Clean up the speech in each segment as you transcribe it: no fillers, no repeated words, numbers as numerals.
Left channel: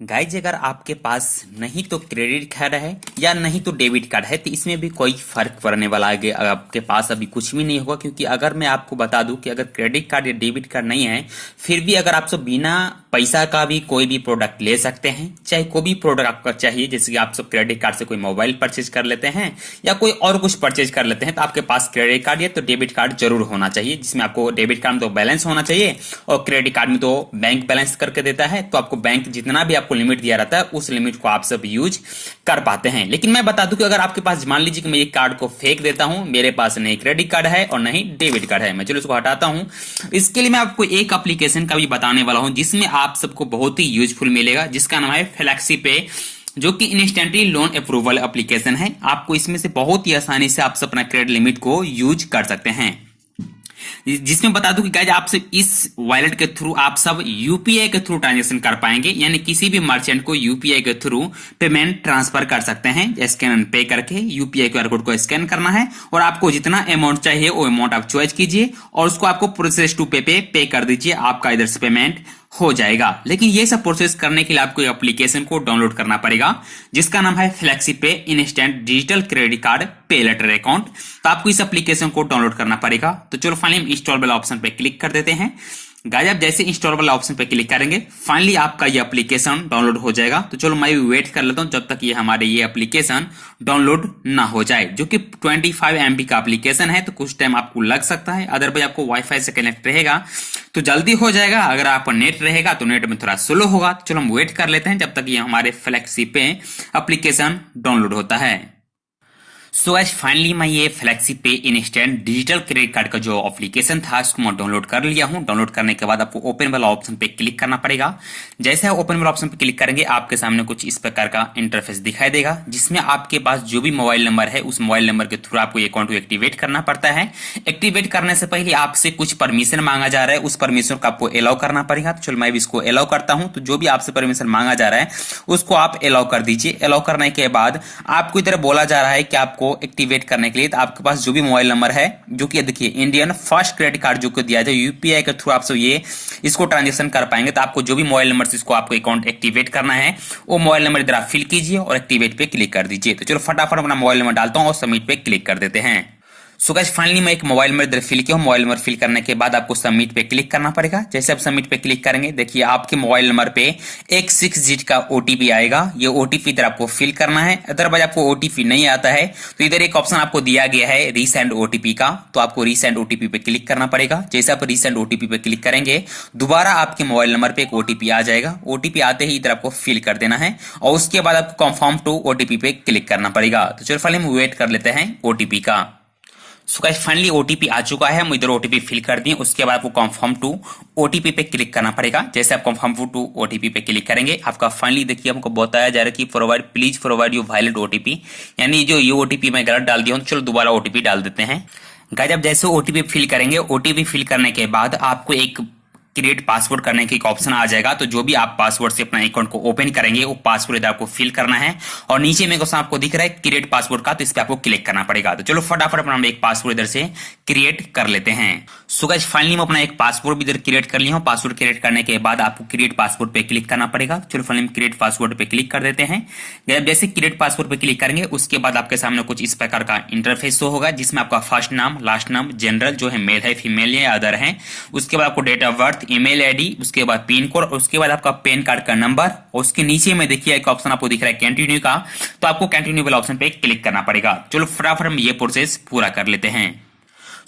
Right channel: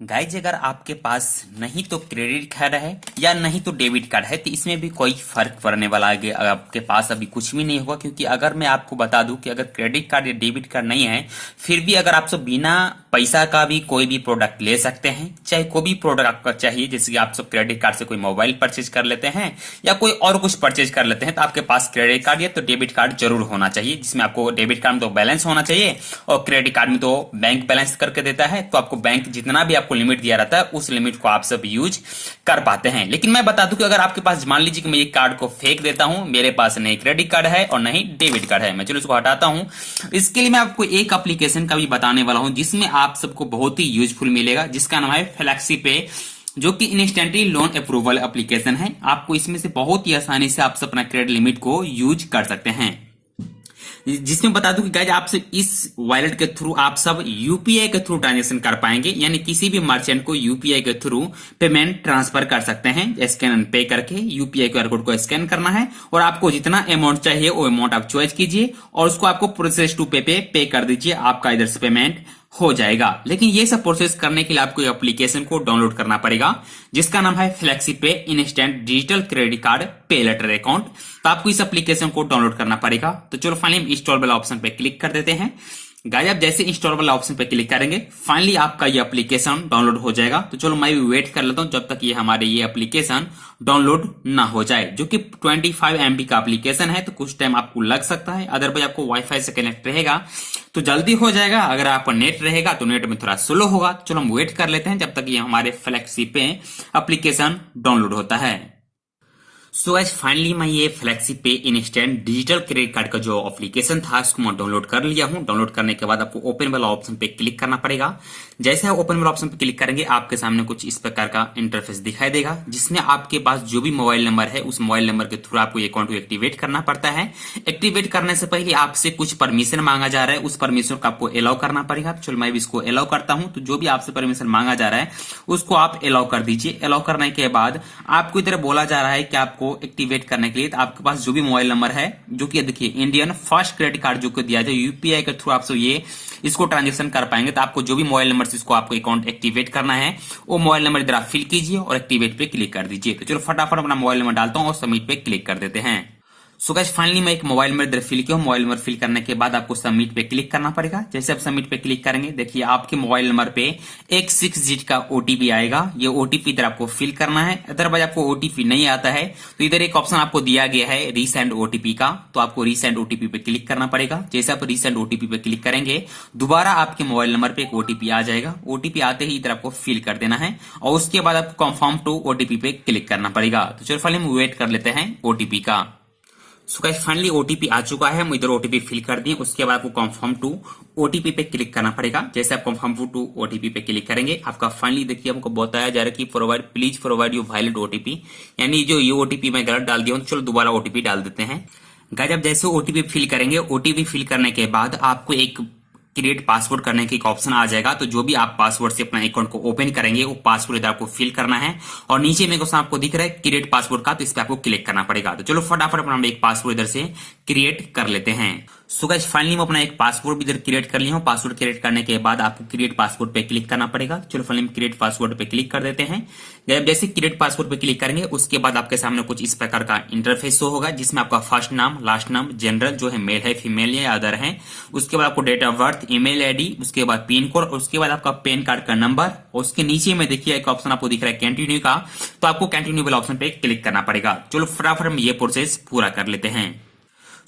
Guys अगर आपके पास नहीं तो क्रेडिट कार्ड है या नहीं तो डेबिट कार्ड है तो इसमें भी कोई फर्क पड़ने वाला है। आपके पास अभी कुछ भी नहीं होगा, क्योंकि अगर मैं आपको बता दूं कि अगर क्रेडिट कार्ड या डेबिट कार्ड नहीं है फिर भी अगर आप सब बिना पैसा का भी कोई भी प्रोडक्ट ले सकते हैं, चाहे कोई भी प्रोडक्ट आपका चाहिए। जैसे कि आप सब क्रेडिट कार्ड से कोई मोबाइल परचेज कर लेते हैं या कोई और कुछ परचेज कर लेते हैं, तो आपके पास क्रेडिट कार्ड या तो डेबिट कार्ड जरूर होना चाहिए, जिसमें आपको डेबिट कार्ड में तो बैलेंस होना चाहिए और क्रेडिट कार्ड में तो बैंक बैलेंस करके देता है। तो आपको बैंक जितना भी आपको लिमिट दिया रहता है उस लिमिट को आप सब यूज कर पाते हैं। लेकिन मैं बता दूं कि अगर आपके पास, मान लीजिए कि मैं ये कार्ड को फेंक देता हूं, मेरे पास नहीं क्रेडिट कार्ड है और नहीं डेबिट कार्ड है, मैं चलो इसको हटाता हूं। इसके लिए मैं आपको एक एप्लीकेशन का भी बताने वाला हूं जिसमें आप सबको बहुत ही यूजफुल मिलेगा, जिसका नाम है फ्लेक्सी पे, जो कि इंस्टेंटली लोन अप्रूवल एप्लीकेशन है। आपको इसमें से बहुत ही आसानी से आप सब अपना क्रेडिट लिमिट को यूज कर सकते हैं। जिसमें बता दूं कि गाइज आप सब इस वॉलेट के थ्रू आप सब यूपीआई के थ्रू ट्रांजेक्शन कर पाएंगे, यानी किसी भी मर्चेंट को यूपीआई के थ्रू पेमेंट ट्रांसफर कर सकते हैं। स्कैन एंड पे करके यूपीआई क्यूआर कोड को स्कैन करना है और आपको जितना अमाउंट चाहिए वो अमाउंट आप चॉइस कीजिए और उसको आपको प्रोसेस टू पे कर दीजिए, आपका इधर से पेमेंट हो जाएगा। लेकिन ये सब प्रोसेस करने के लिए आपको एप्लीकेशन को डाउनलोड करना पड़ेगा, जिसका नाम है फ्लेक्सी पे इंस्टेंट डिजिटल क्रेडिट कार्ड पे लेटर अकाउंट। तो आपको इस एप्लीकेशन को डाउनलोड करना पड़ेगा। तो चलो फाइनली हम इंस्टॉल वाला ऑप्शन पे क्लिक कर देते हैं। गाइस आप जैसे इंस्टॉल वाला ऑप्शन पे क्लिक करेंगे फाइनली आपका ये एप्लीकेशन डाउनलोड हो जाएगा। तो चलो मैं भी वेट कर लेता हूं जब तक ये हमारे ये एप्लीकेशन डाउनलोड ना हो जाए, जो कि 25 MB का एप्लीकेशन है। तो कुछ टाइम आपको लग सकता है, अदरवाइज आपको वाईफाई से कनेक्ट रहेगा तो जल्दी हो जाएगा। अगर आपका नेट रहेगा तो नेट में थोड़ा स्लो होगा। चलो हम वेट कर लेते हैं जब तक ये हमारे फ्लेक्सी पे एप्लीकेशन डाउनलोड होता है। सो आज फाइनली मैं ये फ्लेक्सी पे इंस्टेंट डिजिटल क्रेडिट कार्ड का जो एप्लीकेशन था उसको मैं डाउनलोड कर लिया हूं। डाउनलोड करने के बाद आपको ओपन वाला ऑप्शन पे क्लिक करना पड़ेगा। जैसे आप ओपन वाला ऑप्शन पे क्लिक करेंगे आपके सामने कुछ इस प्रकार का इंटरफेस दिखाई देगा, जिसमें आपके पास जो भी मोबाइल नंबर है उस मोबाइल नंबर के थ्रू आपको ये अकाउंट को एक्टिवेट करना पड़ता है। एक्टिवेट करने से पहले आपसे कुछ परमिशन मांगा जा रहा है, उस परमिशन को आपको अलाउ करना पड़ेगा। तो चलो मैं भी इसको अलाउ करता हूं। तो जो भी आपसे परमिशन मांगा जा रहा है उसको आप अलाउ कर दीजिए। अलाउ करने के बाद आपको इधर बोला जा रहा है कि आपको एक्टिवेट करने के लिए तो आपके पास जो भी मोबाइल नंबर है, जो कि देखिए इंडियन फर्स्ट क्रेडिट कार्ड जो कि दिया जाए यूपीआई के थ्रू आपसे ये इसको ट्रांजेक्शन कर पाएंगे। तो आपको जो भी मोबाइल नंबर से इसको आपको अकाउंट एक्टिवेट करना है वो मोबाइल नंबर इधर आप फिल कीजिए और एक्टिवेट पे क्लिक कर दीजिए। तो चलो फटाफट अपना मोबाइल नंबर डालता हूं और सबमिट पे क्लिक कर देते हैं। सो गाइस फाइनली मैं एक मोबाइल नंबर इधर फिल किया हूं। मोबाइल नंबर फिल करने के बाद आपको सबमिट पे क्लिक करना पड़ेगा। जैसे आप सबमिट पे क्लिक करेंगे देखिए आपके मोबाइल नंबर पे एक 6 डिजिट का ओटीपी आएगा। ये ओटीपी इधर आपको फिल करना है। अदरवाइज आपको ओटीपी नहीं आता है तो इधर एक ऑप्शन आपको दिया गया है रीसेंड ओटीपी का, तो आपको रीसेंड ओटीपी पे क्लिक करना पड़ेगा। जैसे आप रीसेंड ओटीपी पे क्लिक करेंगे दोबारा आपके मोबाइल नंबर पे एक ओटीपी आ जाएगा। ओटीपी आते ही इधर आपको फिल कर देना है और उसके बाद आपको कंफर्म टू ओटीपी पे क्लिक करना पड़ेगा। तो चलो फाइनली हम वेट कर लेते हैं ओटीपी का। सो गाइस फाइनली ओटीपी आ चुका है, हम इधर ओटीपी फिल कर दिए। उसके बाद आपको कंफर्म टू ओटीपी पे क्लिक करना पड़ेगा। जैसे आप कंफर्म टू ओटीपी पे क्लिक करेंगे आपका फाइनली देखिए हमको बताया जा रहा है कि please provide your valid OTP, यानी जो ये ओटीपी मैं गलत डाल दिया हूं। चलो दोबारा ओटीपी डाल देते हैं। गाइस आप जैसे ओटीपी फिल करेंगे, ओटीपी फिल करने के बाद आपको एक क्रिएट पासवर्ड करने की एक ऑप्शन आ जाएगा। तो जो भी आप पासवर्ड से अपना अकाउंट को ओपन करेंगे वो पासवर्ड इधर आपको फिल करना है और नीचे में क्वेश्चन आपको दिख रहा है क्रिएट पासवर्ड का, तो इस पे आपको क्लिक करना पड़ेगा। तो चलो फटाफट अपना एक पासवर्ड इधर से क्रिएट कर लेते हैं। सो गाइस फाइनली मैं अपना एक पासवर्ड भी इधर क्रिएट कर लिया हूं। पासवर्ड क्रिएट करने के बाद आपको क्रिएट पासवर्ड पे क्लिक करना पड़ेगा। चलो फाइनली हम क्रिएट पासवर्ड पे क्लिक कर देते हैं। जैसे क्रिएट पासवर्ड पे क्लिक करेंगे उसके बाद आपके सामने कुछ इस प्रकार का इंटरफेस शो होगा, जिसमें आपका फर्स्ट नाम, लास्ट नाम, जनरल जो है मेल है फीमेल या अदर है, उसके बाद आपको date of birth, email ID, उसके बाद पिन कोड, उसके बाद आपका पैन कार्ड का नंबर और उसके नीचे में देखिए एक ऑप्शन आपको दिख रहा है कंटिन्यू का, तो आपको कंटिन्यू वाला ऑप्शन पे क्लिक करना पड़ेगा। चलो फटाफट हम ये प्रोसेस पूरा कर लेते हैं।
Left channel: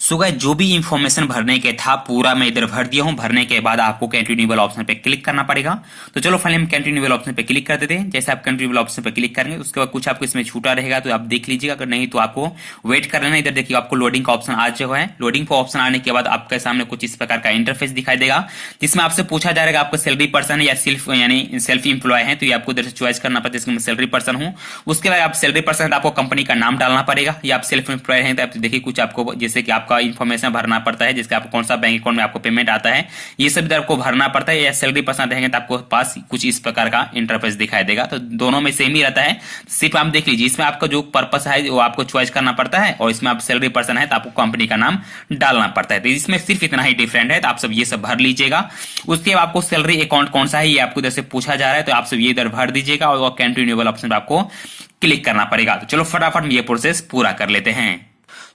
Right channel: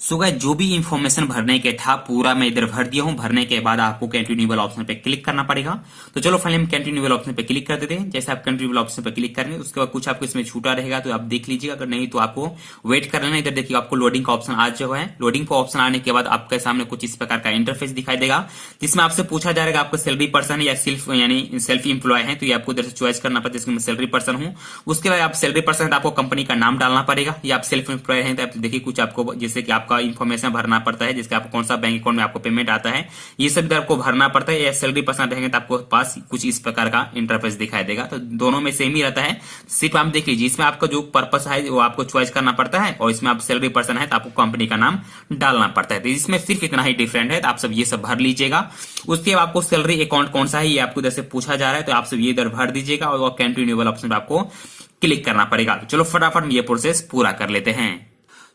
सो गाइस जो भी इंफॉर्मेशन भरने के था पूरा मैं इधर भर दिया हूं। भरने के बाद आपको कंटिन्यू वाला ऑप्शन पे क्लिक करना पड़ेगा। तो चलो फाइनली हम कंटिन्यू वाला ऑप्शन पे क्लिक कर देते हैं। जैसे आप कंटिन्यू वाला ऑप्शन पे क्लिक करेंगे उसके बाद कुछ आपको इसमें छूटा रहेगा तो आप देख लीजिएगा, अगर नहीं तो आपको वेट कर लेना। इधर देखिए आपको लोडिंग का ऑप्शन आ चुका है। लोडिंग का ऑप्शन आने के बाद आपके सामने कुछ इस प्रकार का इंटरफेस दिखाई देगा, जिसमें आपसे पूछा जाएगा आपको सैलरी पर्सन है या सेल्फ एम्प्लॉय है, तो ये आपको इधर से चॉइस करना पड़ता है। इसमें मैं सैलरी पर्सन हूं। उसके बाद आप सैलरी पर्सन है तो आपको कंपनी का नाम डालना पड़ेगा, या आप सेल्फ एम्प्लॉय है तो आप देखिए कुछ आपको जैसे कि आपका आपका इन्फॉर्मेशन भरना पड़ता है, जिसका आपको कौन सा बैंक अकाउंट में आपको पेमेंट आता है, ये सब इधर आपको भरना पड़ता है। या सैलरी पर्सन रहेंगे तो आपको पास कुछ इस प्रकार का इंटरफेस दिखाई देगा। तो दोनों में सेम ही रहता है, सिर्फ आप देख लीजिए इसमें आपका जो पर्पस है वो आपको चॉइस करना पड़ता है, और इसमें आप सैलरी पर्सन है तो आपको कंपनी का नाम डालना पड़ता है। तो इसमें सिर्फ इतना ही डिफरेंट है, तो आप सब ये सब भर लीजिएगा। उसके बाद आपको सैलरी अकाउंट कौन सा है ये आपको इधर से पूछा जा रहा है, तो आप सब ये इधर भर दीजिएगा और कंटिन्यूएबल ऑप्शन पर आपको क्लिक करना पड़ेगा। तो चलो फटाफट ये प्रोसेस पूरा कर लेते हैं।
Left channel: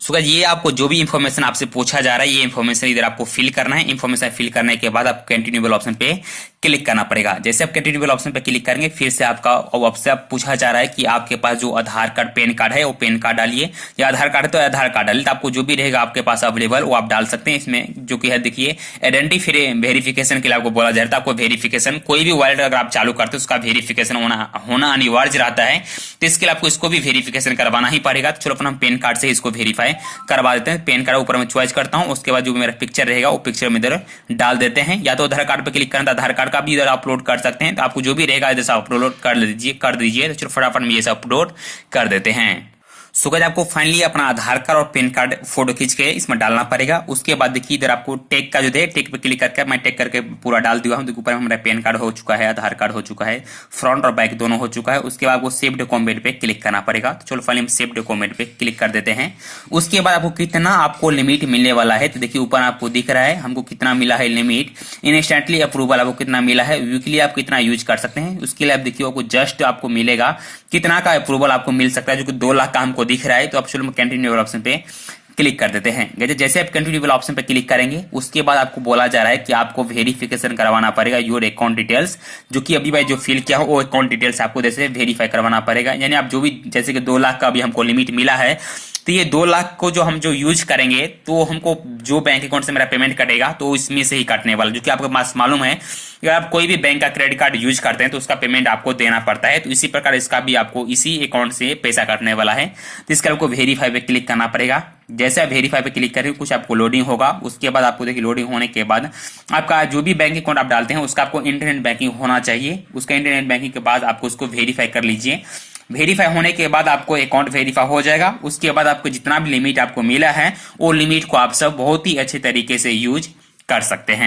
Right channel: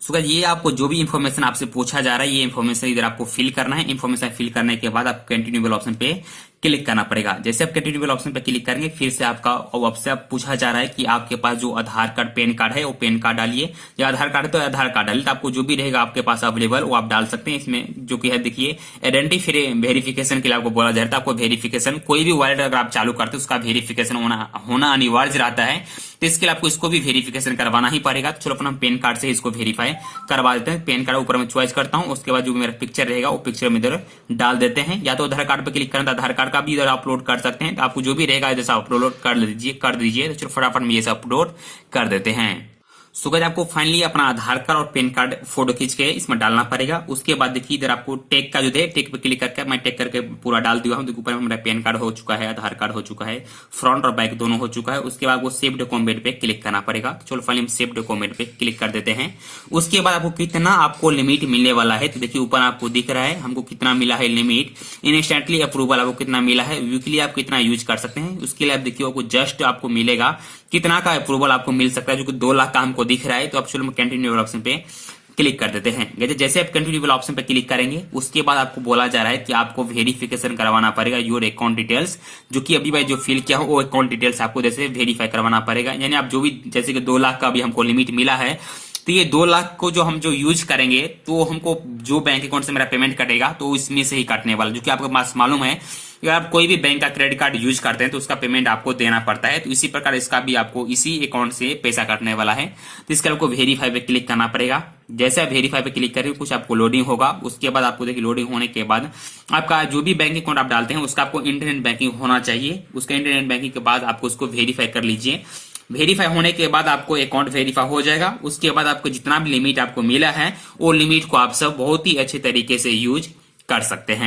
सो गाइस ये आपको जो भी इन्फॉर्मेशन आपसे पूछा जा रहा है ये इन्फॉर्मेशन इधर आपको फिल करना है। इन्फॉर्मेशन फिल करने के बाद आपको कंटिन्यूएबल ऑप्शन पे क्लिक करना पड़ेगा। जैसे आप कंटिन्यूएबल ऑप्शन पे क्लिक करेंगे फिर से आपका आपसे पूछा जा रहा है कि आपके पास जो आधार कार्ड पैन कार्ड है वो पैन कार्ड डालिए, या आधार कार्ड है तो आधार कार्ड डालिए। तो आपको जो भी रहेगा आपके पास अवेलेबल वो आप डाल सकते हैं। इसमें जो कि है देखिए आइडेंटिटी वेरिफिकेशन के लिए आपको बोला जा रहा है। आपको वेरिफिकेशन कोई भी वॉलेट अगर आप चालू करते हैं उसका वेरिफिकेशन होना अनिवार्य रहता है, तो इसके लिए आपको इसको भी वेरिफिकेशन करवाना ही पड़ेगा। तो चलो अपना पैन कार्ड से इसको वेरीफाई करवा देते हैं। पैन कार्ड ऊपर में चॉइस करता हूं, उसके बाद जो मेरा पिक्चर रहेगा वो पिक्चर में इधर डाल देते हैं। या तो आधार कार्ड पे क्लिक करें तो आधार कार्ड का भी इधर अपलोड कर सकते हैं। तो आपको जो भी रहेगा इधर से अपलोड कर दीजिए। तो चलो फटाफट में ये सब अपलोड कर देते हैं। सो गाइस आपको फाइनली अपना आधार कार्ड और पैन कार्ड फोटो खींच के इसमें डालना पड़ेगा। उसके बाद देखिए इधर आपको टेक का जो है टेक पे क्लिक करके मैं टेक करके पूरा डाल दिया हूं। देखो ऊपर में हमारा पैन कार्ड हो चुका है, आधार कार्ड हो चुका है, फ्रंट और बैक दोनों हो चुका है। उसके बाद आपको सेव डॉक्यूमेंट पे क्लिक करना पड़ेगा। तो चलो फाइनली हम सेव डॉक्यूमेंट पे क्लिक कर देते हैं। उसके बाद आपको कितना आपको लिमिट मिलने वाला है, तो देखिए ऊपर आपको दिख रहा है हमको कितना मिला है लिमिट। इंस्टेंटली अप्रूवल आपको कितना मिला है, वीकली आप कितना यूज कर सकते हैं। उसके लिए आप देखिए आपको जस्ट आपको मिलेगा कितना का अप्रूवल आपको मिल सकता है, जो कि 2 लाख का हमको दिख रहा है। तो आप चलो कंटिन्यूएबल ऑप्शन पे क्लिक कर देते हैं। जैसे आप कंटिन्यूएबल ऑप्शन पे क्लिक करेंगे उसके बाद आपको बोला जा रहा है कि आपको वेरिफिकेशन करवाना पड़ेगा योर अकाउंट डिटेल्स, जो कि अभी भाई जो फिल किया हो वो अकाउंट डिटेल्स आपको जैसे वेरीफाई करवाना पड़ेगा। यानी आप जो भी जैसे कि 2 लाख का अभी हमको लिमिट मिला है, तो ये 2 लाख को जो हम जो यूज करेंगे तो हमको जो बैंक अकाउंट से मेरा पेमेंट कटेगा तो इसमें से ही कटने वाला, जो कि आपको पास मालूम है अगर आप कोई भी बैंक का क्रेडिट कार्ड यूज करते हैं तो उसका पेमेंट आपको देना पड़ता है। तो इसी प्रकार इसका भी आपको इसी अकाउंट से पैसा कटने वाला है। तो इसका आपको वेरीफाई पे क्लिक करना पड़ेगा। जैसे आप वेरीफाई पे क्लिक करेंगे कुछ आपको लोडिंग होगा। उसके बाद आपको देखिए लोडिंग होने के बाद आपका जो भी बैंक अकाउंट आप डालते हैं उसका आपको इंटरनेट बैंकिंग होना चाहिए। उसका इंटरनेट बैंकिंग के बाद आपको उसको वेरीफाई कर लीजिए। वेरीफाई होने के बाद आपको अकाउंट वेरीफाई हो जाएगा। उसके बाद आपको जितना भी लिमिट आपको मिला है वो लिमिट को आप सब बहुत ही अच्छे तरीके से यूज कर सकते हैं।